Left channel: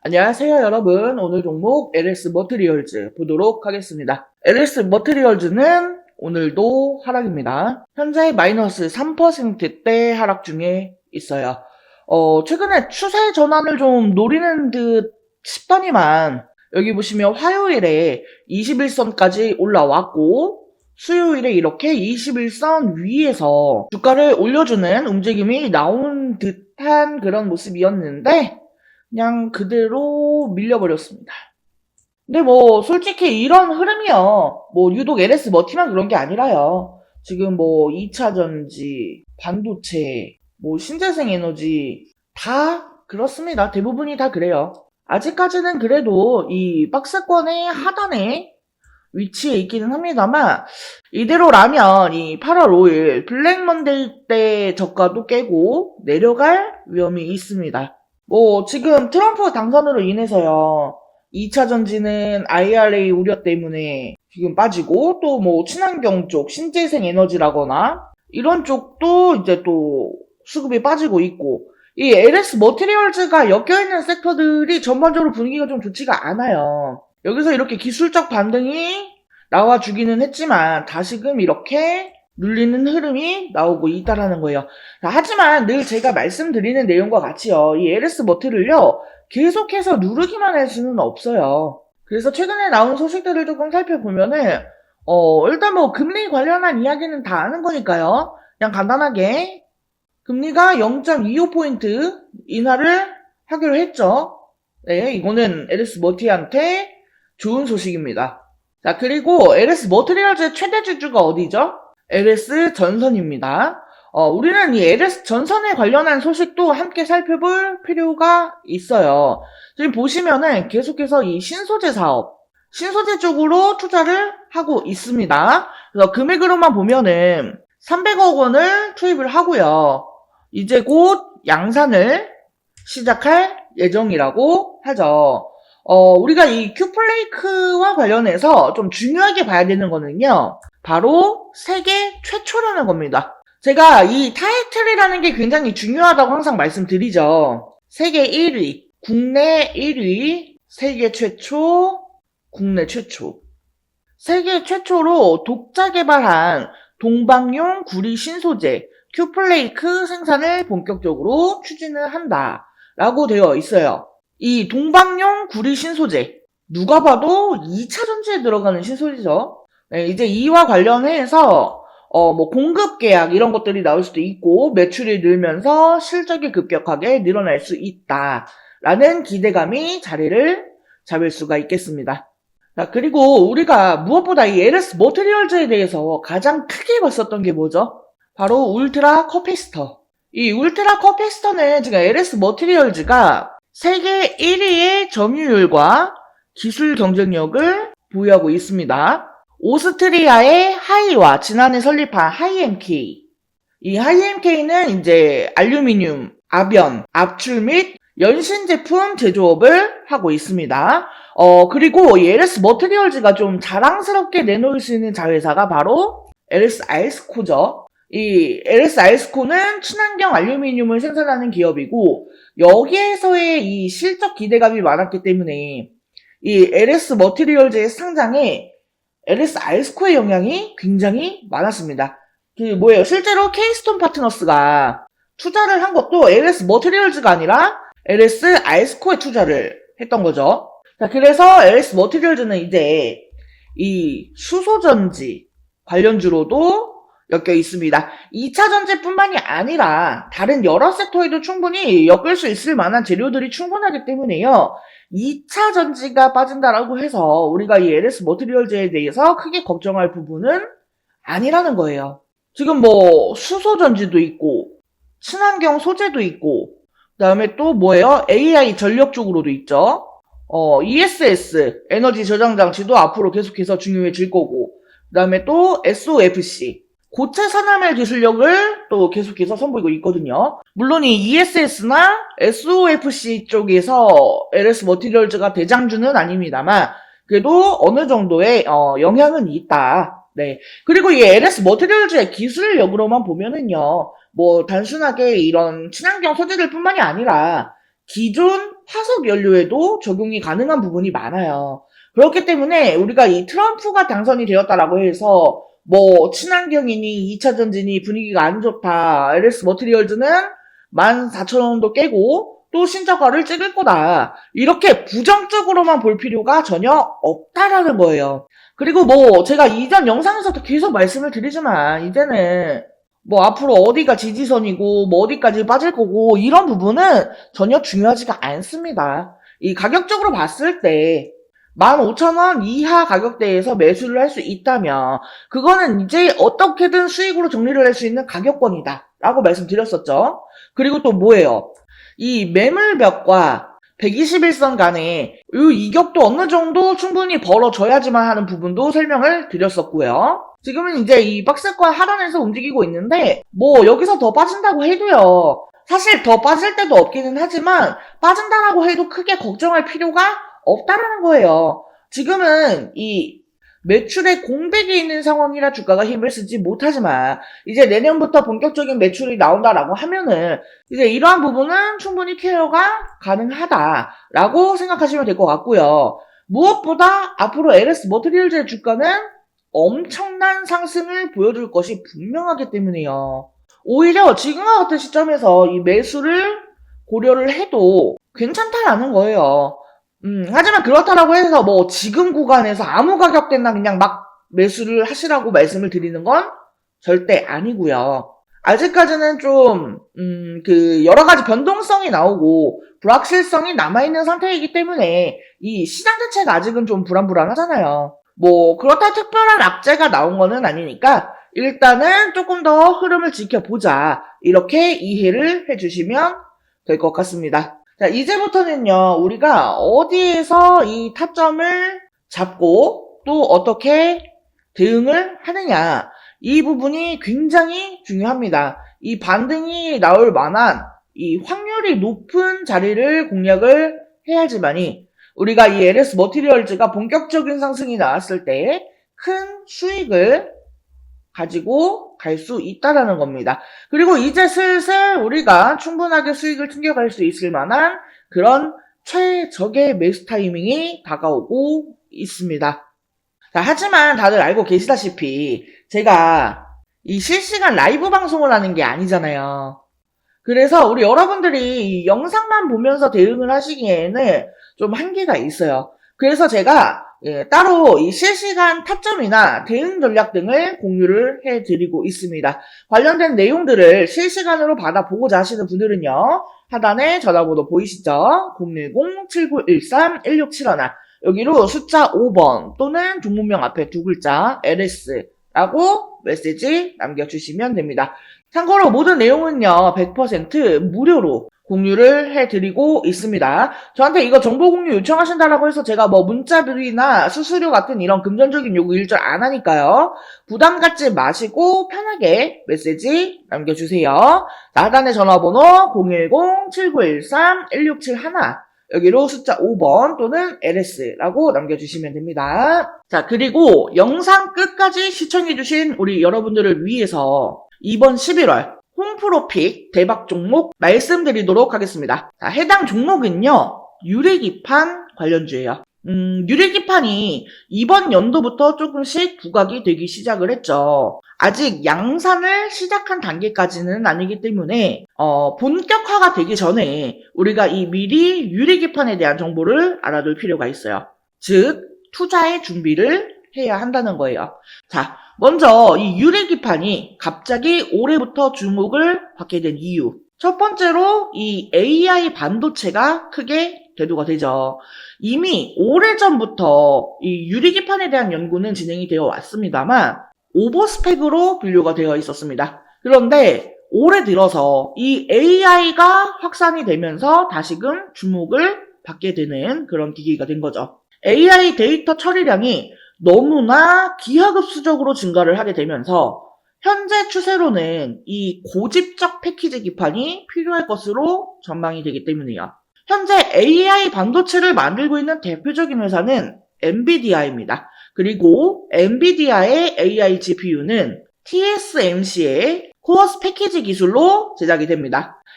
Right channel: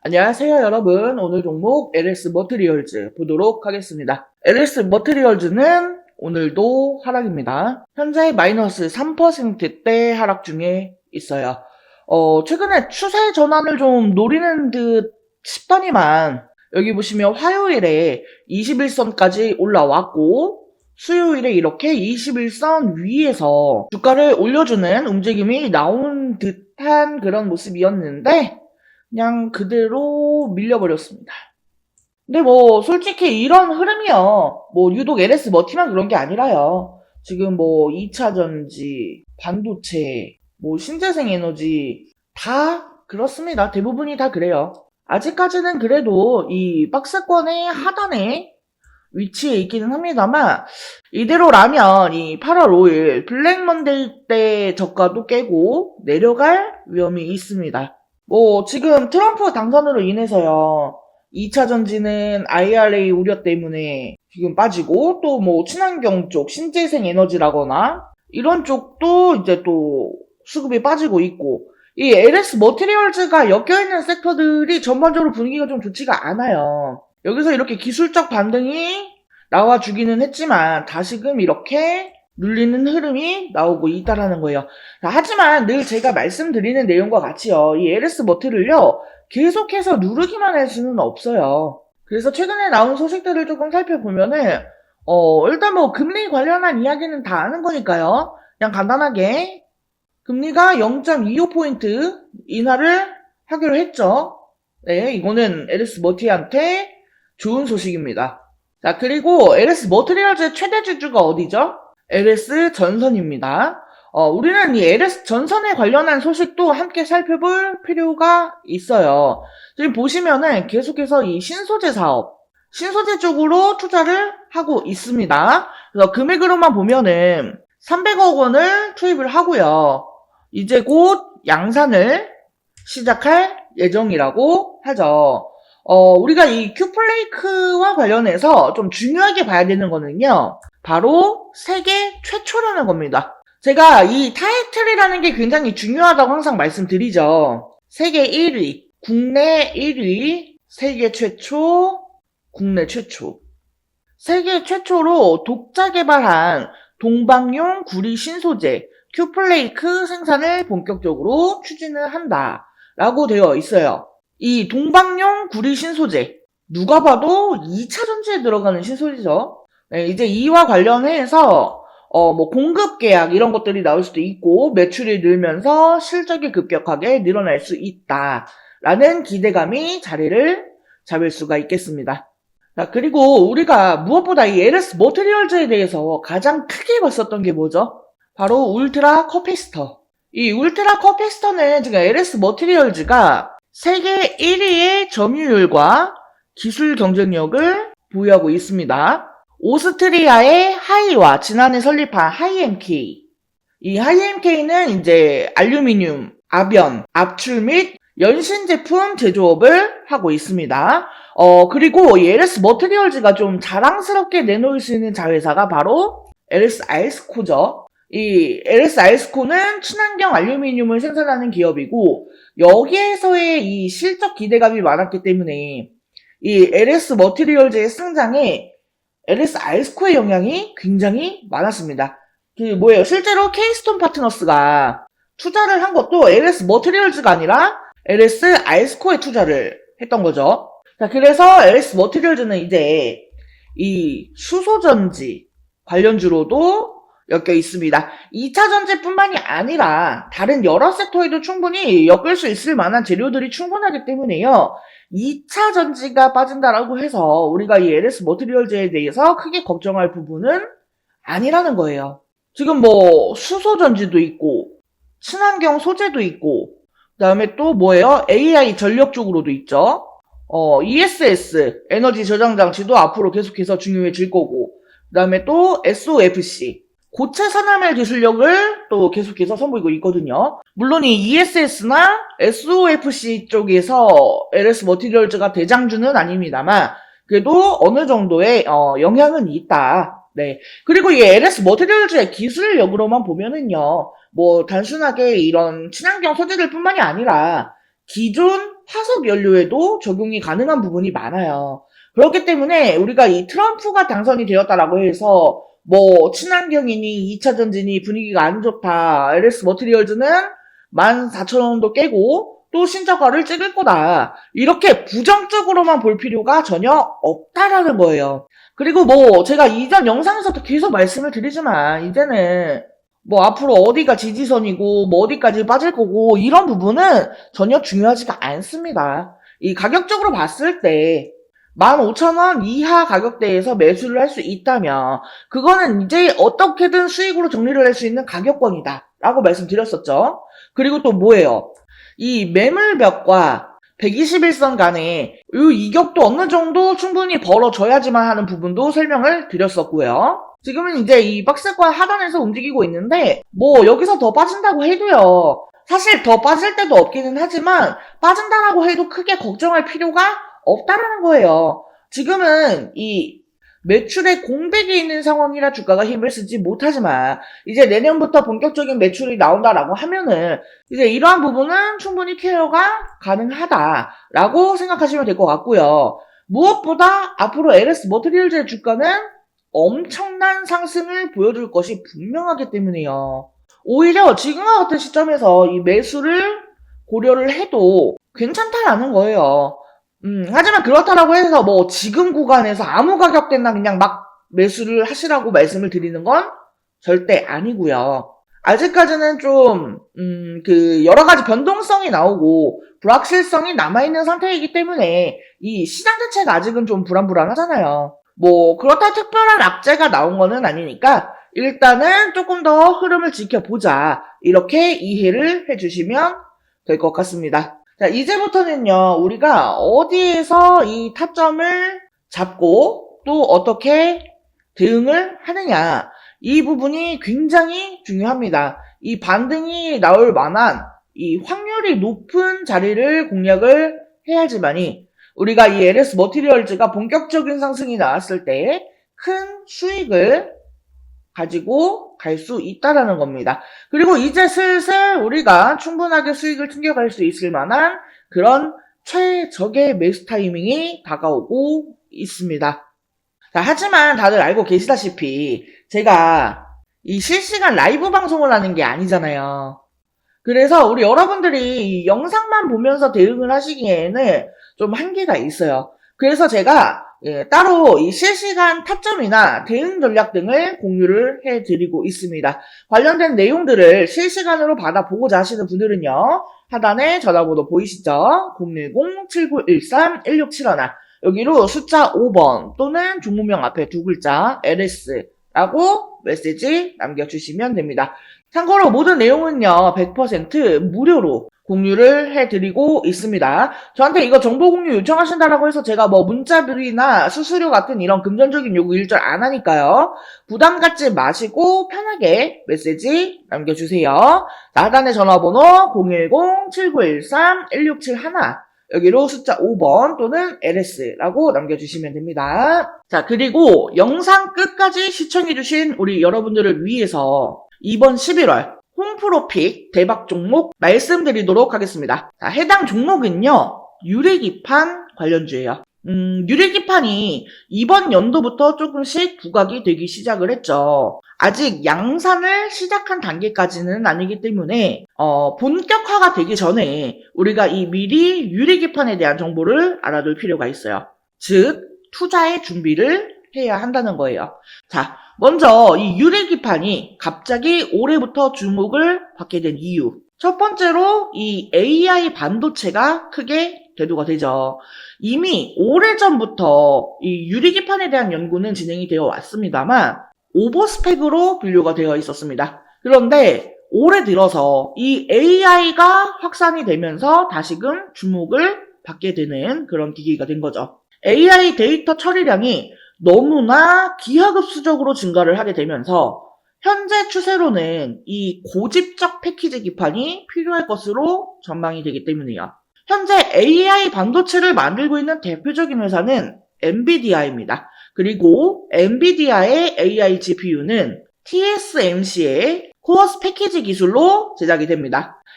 안녕하세요 여러분. 오늘 종목 LS 머티리얼즈 보도록 하겠습니다. LS 머티리얼즈는 오늘도 하락입니다. 현재 마이너스 3%대 하락 중에 있어요. 최근에 추세 전환을 좀 노리는 듯 싶더니만 여기 보시면 화요일에 21선까지 올라왔고 수요일에 이렇게 21선 위에서 주가를 올려주는 움직임이 나온 듯한 그런 모습이었는데 그냥 그대로 밀려버렸습니다. 근데 뭐 솔직히 이런 흐름이요. 뭐 유독 LS 머티만 그런 게 아니라요. 지금 뭐 2차전지, 반도체, 뭐 신재생 에너지 다 그렇습니다. 대부분이 다 그래요. 아직까지는 그래도 이 박스권의 하단에 위치에 있기는 합니다만 이대로라면 이 8월 5일 블랙 먼데이 때 저가도 깨고 내려갈 위험이 있습니다. 지금 트럼프 당선으로 인해서요. 2차 전지는 IRA 우려 때문에 지금 빠지고 또 뭐 친환경 쪽, 신재생 에너지라거나 이런 쪽도 이제 또 수급이 빠지고 있고 이 LS 머티리얼즈가 엮여있는 섹터들이 전반적으로 분위기가 좀 좋지가 않아요. 여기서 이렇게 기술적 반등이 나와주기는 했지만 다시금 이렇게 눌리는 흐름이 나오고 있다라는 거예요. 하지만 늘 제가 말씀드리는 내용과 같이요. 이 LS 머티를요. 계속해서 누르기만 할 수는 없어요. 그래서 최근에 나온 소식들을 조금 살펴보면은 일단 뭐 금리 관련한 이야기는 다 아는 거니까요. 그냥 간단하게 금리가 0.25포인트 인하를 하기로 했죠. 네, 이거는 LS 머티한테 좋은 소식입니다. 자, 그리고 LS 머티리얼즈의 최대 주주가 어디죠? LS 전선입니다. 우리는 이 LS 전선에 관련한 소식도 함께 살펴볼 필요가 있어요. 지금 보시면은 계속해서 이 신소재 사업, 신소재 쪽으로 투자를 하고 있습니다. 그래서 금액으로만 보면은 300억 원을 투입을 하고요. 이제 곧 양산을 시작할 예정이라고 하죠. 우리가 이 큐플레이크와 관련해서 좀 중요하게 봐야 되는 거는요. 바로 세계 최초라는 겁니다. 제가 이 타이틀이라는 게 굉장히 중요하다고 항상 말씀드리죠. 세계 1위, 국내 1위, 세계 최초, 국내 최초. 세계 최초로 독자 개발한 동방용 구리 신소재 큐플레이크 생산을 본격적으로 추진을 한다 라고 되어 있어요. 이 동방용 구리 신소재 누가 봐도 2차 전지에 들어가는 신소재죠. 네, 이제 이와 관련해서 뭐 공급 계약 이런 것들이 나올 수도 있고 매출이 늘면서 실적이 급격하게 늘어날 수 있다라는 기대감이 자리를 잡을 수가 있겠습니다. 자, 그리고 우리가 무엇보다 이 LS 머티리얼즈에 대해서 가장 크게 봤었던 게 뭐죠? 바로 울트라 커피스터. 이 울트라 커피스터는 지금 LS 머티리얼즈가 세계 1위의 점유율과 기술 경쟁력을 보유하고 있습니다. 오스트리아의 하이와 지난해 설립한 하이엠K. 이 하이엠K는 이제 알루미늄, 압연, 압출 및 연신 제품 제조업을 하고 있습니다. 그리고 이 LS 머티리얼즈가 좀 자랑스럽게 내놓을 수 있는 자회사가 바로 LS 알스코죠. 이 LS 알스코는 친환경 알루미늄을 생산하는 기업이고 여기에서의 이 실적 기대감이 많았기 때문에 이 LS 머티리얼즈의 상장에 LS 알스코의 영향이 굉장히 많았습니다. 실제로 케이스톤 파트너스가 투자를 한 것도 LS 머티리얼즈가 아니라 LS 알스코에 투자를 했던 거죠. 자, 그래서 LS 머티리얼즈는 이제 이 수소전지 관련주로도 엮여 있습니다. 2차 전지뿐만이 아니라 다른 여러 섹터에도 충분히 엮을 수 있을 만한 재료들이 충분하기 때문에요. 2차 전지가 빠진다라고 해서 우리가 이 LS 머티리얼즈에 대해서 크게 걱정할 부분은 아니라는 거예요. 지금 뭐 수소전지도 있고 친환경 소재도 있고 그다음에 또 뭐예요? AI 전력 쪽으로도 있죠. ESS 에너지 저장 장치도 앞으로 계속해서 중요해질 거고 그다음에 또 SOFC 고체 산화물 기술력을 또 계속해서 선보이고 있거든요. 물론 이 ESS나 SOFC 쪽에서 LS 머티리얼즈가 대장주는 아닙니다만 그래도 어느 정도의 영향은 있다. 네. 그리고 이 LS 머티리얼즈의 기술력으로만 보면은요. 뭐 단순하게 이런 친환경 소재들 뿐만이 아니라 기존 화석 연료에도 적용이 가능한 부분이 많아요. 그렇기 때문에 우리가 이 트럼프가 당선이 되었다라고 해서 뭐 친환경이니 2차 전지니 분위기가 안 좋다. LS 머티리얼즈는 14,000원도 깨고 또 신저가를 찍을 거다. 이렇게 부정적으로만 볼 필요가 전혀 없다라는 거예요. 그리고 뭐 제가 이전 영상에서도 계속 말씀을 드리지만 이제는 뭐 앞으로 어디가 지지선이고 뭐 어디까지 빠질 거고 이런 부분은 전혀 중요하지가 않습니다. 이 가격적으로 봤을 때 15,000원 이하 가격대에서 매수를 할 수 있다면 그거는 이제 어떻게든 수익으로 정리를 할 수 있는 가격권이다 라고 말씀드렸었죠. 그리고 또 뭐예요? 이 매물벽과 121선 간에 이 이격도 어느 정도 충분히 벌어져야지만 하는 부분도 설명을 드렸었고요. 지금은 이제 이 박스권 하단에서 움직이고 있는데 뭐 여기서 더 빠진다고 해도요. 사실 더 빠질 때도 없기는 하지만 빠진다라고 해도 크게 걱정할 필요가 없다라는 거예요. 지금은 이 매출에 공백이 있는 상황이라 주가가 힘을 쓰지 못하지만 이제 내년부터 본격적인 매출이 나온다라고 하면은 이제 이러한 부분은 충분히 케어가 가능하다라고 생각하시면 될 것 같고요. 무엇보다 앞으로 LS 머티리얼즈의 주가는 엄청난 상승을 보여줄 것이 분명하기 때문에요. 오히려 지금과 같은 시점에서 이 매수를 고려를 해도 괜찮다라는 거예요. 하지만 그렇다라고 해서 뭐 지금 구간에서 아무 가격대나 그냥 막 매수를 하시라고 말씀을 드리는 건 절대 아니고요. 아직까지는 좀, 여러 가지 변동성이 나오고 불확실성이 남아있는 상태이기 때문에 이 시장 자체가 아직은 좀 불안불안하잖아요. 뭐, 그렇다 특별한 악재가 나온 거는 아니니까 일단은 조금 더 흐름을 지켜보자. 이렇게 이해를 해주시면 될 것 같습니다. 자, 이제부터는요, 우리가 어디에서 이 타점을 잡고 또 어떻게 대응을 하느냐. 이 부분이 굉장히 중요합니다. 이 반등이 나올 만한 이 확률이 높은 자리를 공략을 해야지만이 우리가 이 LS 머티리얼즈가 본격적인 상승이 나왔을 때 큰 수익을 가지고 갈 수 있다라는 겁니다. 그리고 이제 슬슬 우리가 충분하게 수익을 챙겨갈 수 있을 만한 그런 최적의 매수 타이밍이 다가오고 있습니다. 자, 하지만 다들 알고 계시다시피 제가 이 실시간 라이브 방송을 하는 게 아니잖아요. 그래서 우리 여러분들이 영상만 보면서 대응을 하시기에는 좀 한계가 있어요. 그래서 제가 따로 이 실시간 타점이나 대응 전략 등을 공유를 해드리고 있습니다. 관련된 내용들을 실시간으로 받아보고자 하시는 분들은요. 하단에 전화번호 보이시죠? 010-7913-1671 여기로 숫자 5번 또는 종목명 앞에 두 글자 LS라고 메시지 남겨주시면 됩니다. 참고로 모든 내용은요 100% 무료로 공유를 해드리고 있습니다. 저한테 이거 정보 공유 요청하신다라고 해서 제가 뭐 문자들이나 수수료 같은 이런 금전적인 요구 일절 안 하니까요. 부담 갖지 마시고 편하게 메시지 남겨주세요. 하단의 전화번호 010-7913-1671 여기로 숫자 5번 또는 LS라고 남겨주시면 됩니다. 자, 그리고 영상 끝까지 시청해주신 우리 여러분들을 위해서 이번 11월 홈프로픽 대박 종목 말씀드리도록 하겠습니다. 자, 해당 종목은요, 유리기판 관련주예요. 유리기판이 이번 연도부터 조금씩 부각이 되기 시작을 했죠. 아직 양산을 시작한 단계까지는 아니기 때문에 본격화가 되기 전에 우리가 이 미리 유리기판에 대한 정보를 알아둘 필요가 있어요. 즉 투자의 준비를 해야 한다는 거예요. 자, 먼저 이 유리기판이 갑자기 올해부터 주목을 받게 된 이유. 첫 번째로 이 AI 반도체가 크게 대두가 되죠. 이미 오래전부터 이 유리기판에 대한 연구는 진행이 되어 왔습니다만 오버스펙으로 분류가 되어 있었습니다. 그런데 올해 들어서 이 AI가 확산이 되면서 다시금 주목을 받게 되는 그런 기기가 된 거죠. AI 데이터 처리량이 너무나 기하급수적으로 증가를 하게 되면서 현재 추세로는 이 고집적 패키지 기판이 필요할 것으로 전망이 되기 때문이에요. 현재 AI 반도체를 만들고 있는 대표적인 회사는 엔비디아입니다. 그리고 엔비디아의 AI GPU는 TSMC의 코어스 패키지 기술로 제작이 됩니다.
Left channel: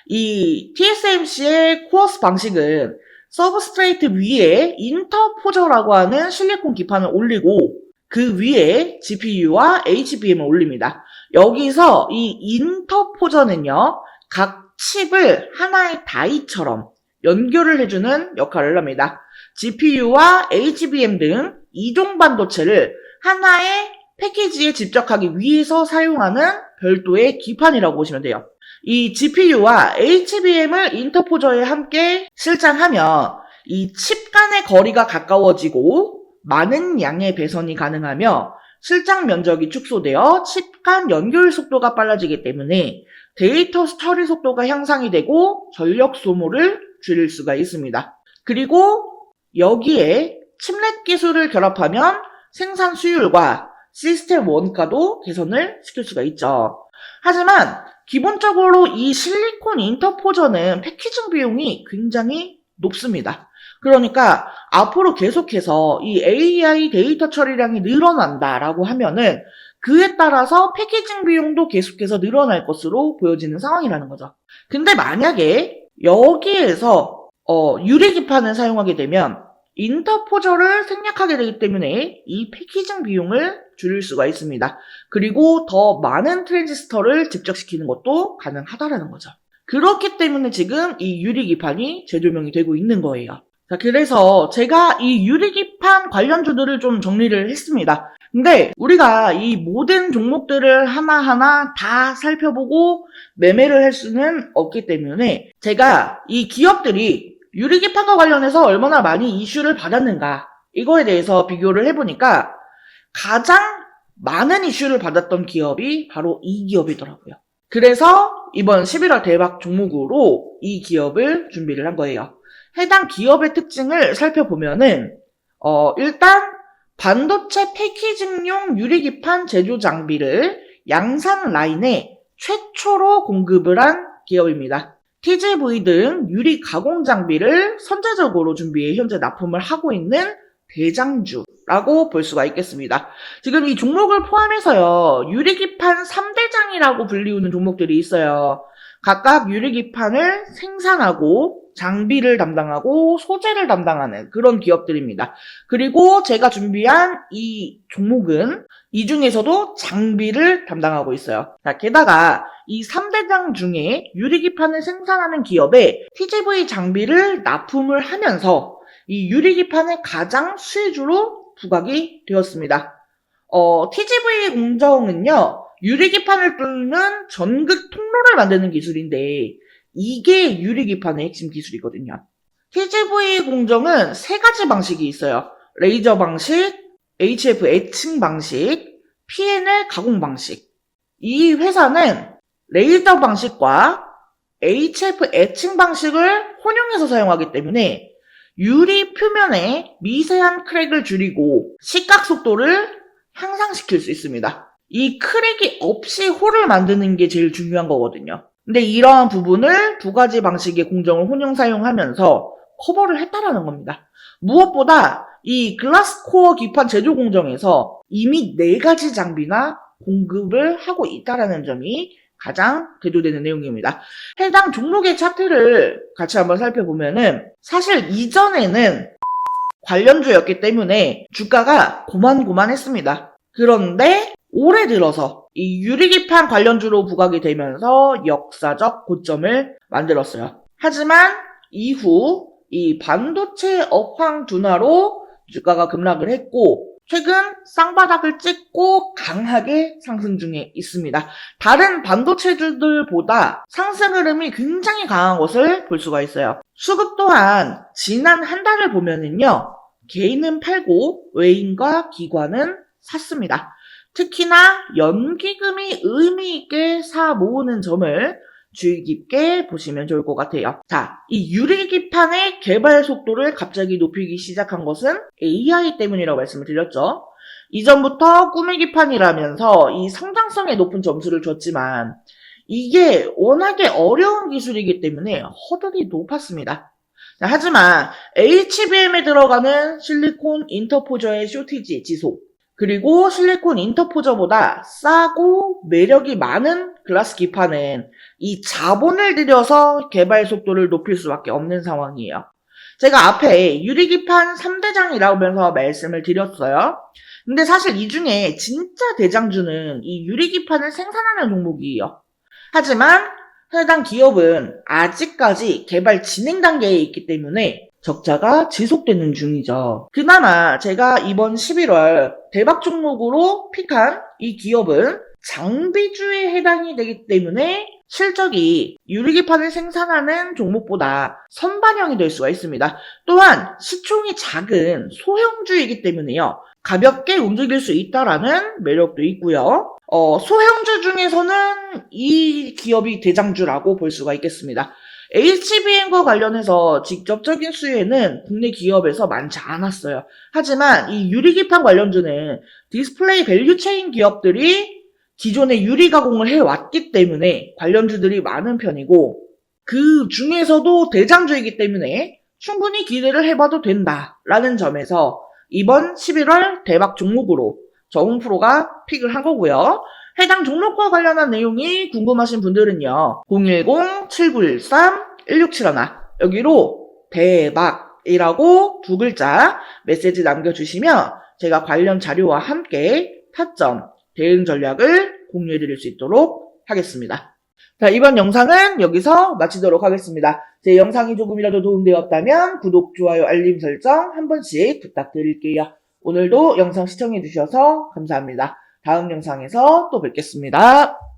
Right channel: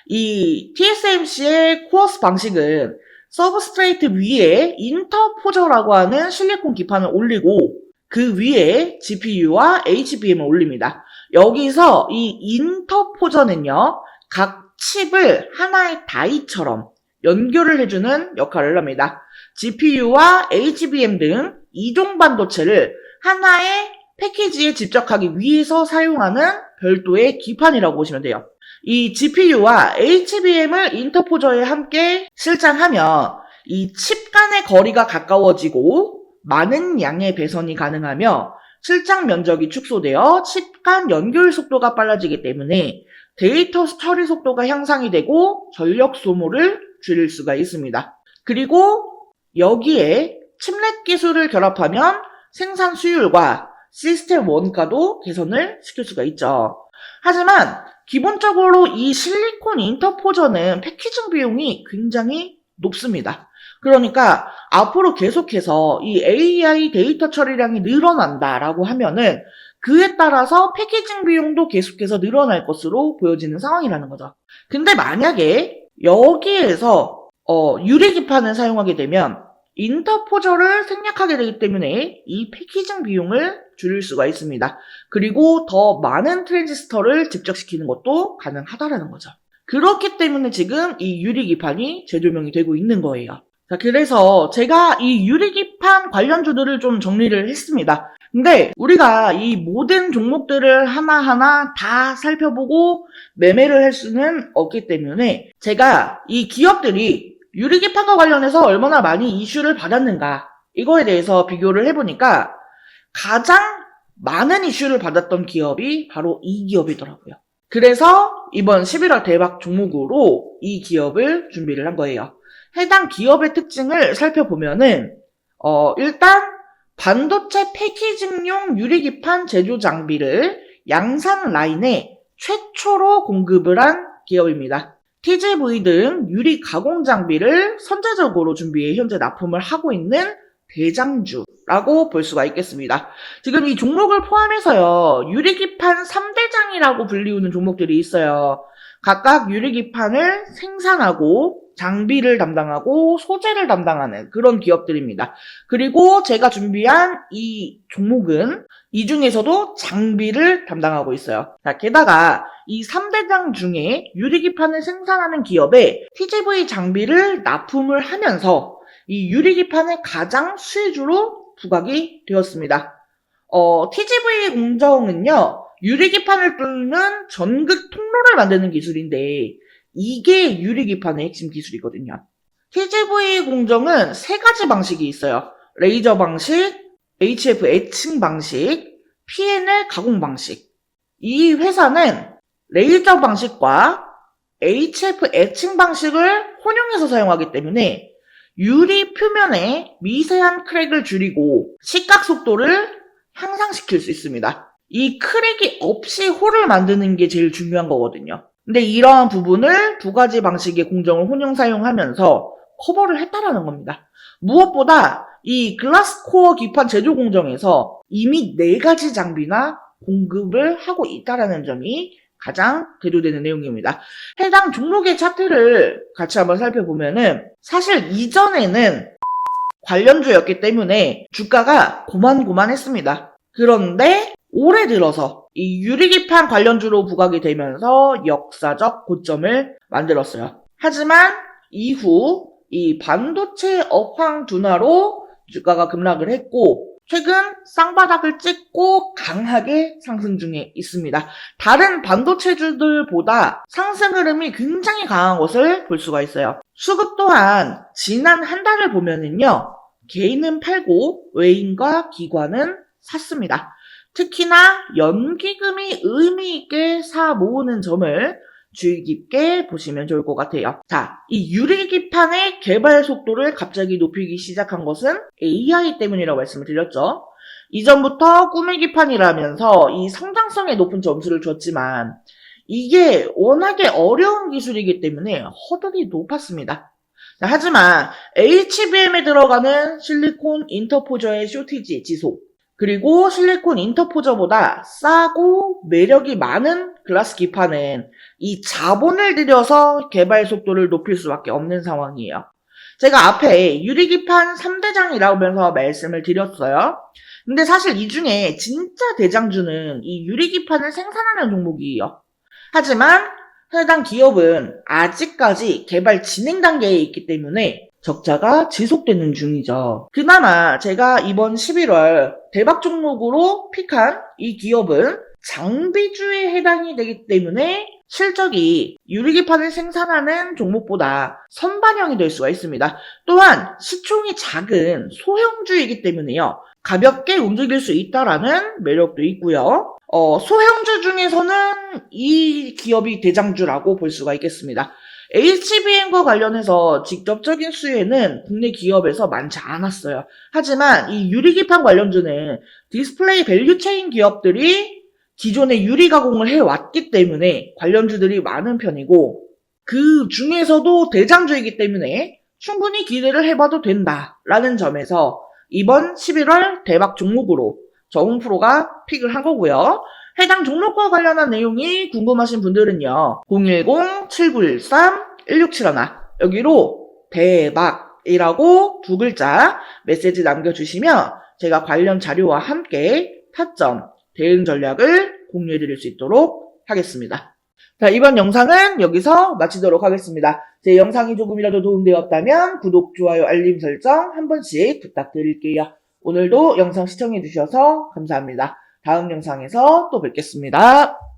이 TSMC의 코어스 방식은 서브스트레이트 위에 인터포저라고 하는 실리콘 기판을 올리고 그 위에 GPU와 HBM을 올립니다. 여기서 이 인터포저는요, 각 칩을 하나의 다이처럼 연결을 해주는 역할을 합니다. GPU와 HBM 등 이종 반도체를 하나의 패키지에 집적하기 위해서 사용하는 별도의 기판이라고 보시면 돼요. 이 GPU와 HBM을 인터포저에 함께 실장하면 이 칩 간의 거리가 가까워지고 많은 양의 배선이 가능하며 실장 면적이 축소되어 칩 간 연결 속도가 빨라지기 때문에 데이터 처리 속도가 향상이 되고 전력 소모를 줄일 수가 있습니다. 그리고 여기에 칩넷 기술을 결합하면 생산 수율과 시스템 원가도 개선을 시킬 수가 있죠. 하지만 기본적으로 이 실리콘 인터포저는 패키징 비용이 굉장히 높습니다. 그러니까 앞으로 계속해서 이 AI 데이터 처리량이 늘어난다라고 하면은 그에 따라서 패키징 비용도 계속해서 늘어날 것으로 보여지는 상황이라는 거죠. 근데 만약에 여기에서 유리기판을 사용하게 되면 인터포저를 생략하게 되기 때문에 이 패키징 비용을 줄일 수가 있습니다. 그리고 더 많은 트랜지스터를 집적시키는 것도 가능하다라는 거죠. 그렇기 때문에 지금 이 유리기판이 재조명이 되고 있는 거예요. 자, 그래서 제가 이 유리기판 관련주들을 좀 정리를 했습니다. 근데 우리가 이 모든 종목들을 하나하나 다 살펴보고 매매를 할 수는 없기 때문에 제가 이 기업들이 유리기판과 관련해서 얼마나 많이 이슈를 받았는가 이거에 대해서 비교를 해보니까 가장 많은 이슈를 받았던 기업이 바로 이 기업이더라고요. 그래서 이번 11월 대박 종목으로 이 기업을 준비를 한 거예요. 해당 기업의 특징을 살펴보면은 일단 반도체 패키징용 유리기판 제조 장비를 양산 라인에 최초로 공급을 한 기업입니다. TGV 등 유리 가공 장비를 선제적으로 준비해 현재 납품을 하고 있는 대장주라고 볼 수가 있겠습니다. 지금 이 종목을 포함해서요, 유리기판 3대장이라고 불리우는 종목들이 있어요. 각각 유리기판을 생산하고 장비를 담당하고 소재를 담당하는 그런 기업들입니다. 그리고 제가 준비한 이 종목은 이 중에서도 장비를 담당하고 있어요. 자, 게다가 이 3대장 중에 유리기판을 생산하는 기업에 TGV 장비를 납품을 하면서 이 유리기판의 가장 수혜주로 부각이 되었습니다. TGV 공정은요, 유리기판을 뚫는 전극 통로를 만드는 기술인데 이게 유리기판의 핵심 기술이거든요. TGV 공정은 세 가지 방식이 있어요. 레이저 방식, HF 애칭 방식, PNL 가공 방식. 이 회사는 레이저 방식과 HF 애칭 방식을 혼용해서 사용하기 때문에 유리 표면에 미세한 크랙을 줄이고 식각 속도를 향상시킬 수 있습니다. 이 크랙이 없이 홀을 만드는 게 제일 중요한 거거든요. 근데 이러한 부분을 두 가지 방식의 공정을 혼용 사용하면서 커버를 했다라는 겁니다. 무엇보다 이 글라스코어 기판 제조 공정에서 이미 4가지 장비나 공급을 하고 있다라는 점이 가장 대조되는 내용입니다. 해당 종목의 차트를 같이 한번 살펴보면은 사실 이전에는 관련주였기 때문에 주가가 고만고만했습니다. 그런데 올해 들어서 이 유리기판 관련주로 부각이 되면서 역사적 고점을 만들었어요. 하지만 이후 이 반도체 업황 둔화로 주가가 급락을 했고 최근 쌍바닥을 찍고 강하게 상승 중에 있습니다. 다른 반도체주들보다 상승 흐름이 굉장히 강한 것을 볼 수가 있어요. 수급 또한 지난 한 달을 보면은요, 개인은 팔고 외인과 기관은 샀습니다. 특히나 연기금이 의미 있게 사 모으는 점을 주의 깊게 보시면 좋을 것 같아요. 자, 이 유리기판의 개발 속도를 갑자기 높이기 시작한 것은 AI 때문이라고 말씀을 드렸죠. 이전부터 꾸미기판이라면서 이 성장성에 높은 점수를 줬지만 이게 워낙에 어려운 기술이기 때문에 허들이 높았습니다. 자, 하지만 HBM에 들어가는 실리콘 인터포저의 쇼티지 지속, 그리고 실리콘 인터포저보다 싸고 매력이 많은 글라스 기판은 이 자본을 들여서 개발 속도를 높일 수밖에 없는 상황이에요. 제가 앞에 유리기판 3대장이라면서 말씀을 드렸어요. 근데 사실 이 중에 진짜 대장주는 이 유리기판을 생산하는 종목이에요. 하지만 해당 기업은 아직까지 개발 진행 단계에 있기 때문에 적자가 지속되는 중이죠. 그나마 제가 이번 11월 대박 종목으로 픽한 이 기업은 장비주에 해당이 되기 때문에 실적이 유리기판을 생산하는 종목보다 선반영이 될 수가 있습니다. 또한 시총이 작은 소형주이기 때문에요. 가볍게 움직일 수 있다라는 매력도 있고요. 소형주 중에서는 이 기업이 대장주라고 볼 수가 있겠습니다. HBM과 관련해서 직접적인 수혜는 국내 기업에서 많지 않았어요. 하지만 이 유리기판 관련주는 디스플레이 밸류체인 기업들이 기존에 유리 가공을 해왔기 때문에 관련주들이 많은 편이고 그 중에서도 대장주이기 때문에 충분히 기대를 해봐도 된다라는 점에서 이번 11월 대박 종목으로 저웅프로가 픽을 한 거고요. 해당 종목과 관련한 내용이 궁금하신 분들은요. 010-7913-1671 여기로 대박이라고 두 글자 메시지 남겨주시면 제가 관련 자료와 함께 타점, 대응 전략을 공유해드릴 수 있도록 하겠습니다. 자, 이번 영상은 여기서 마치도록 하겠습니다. 제 영상이 조금이라도 도움되었다면 구독, 좋아요, 알림 설정 한 번씩 부탁드릴게요. 오늘도 영상 시청해주셔서 감사합니다. 다음 영상에서 또 뵙겠습니다.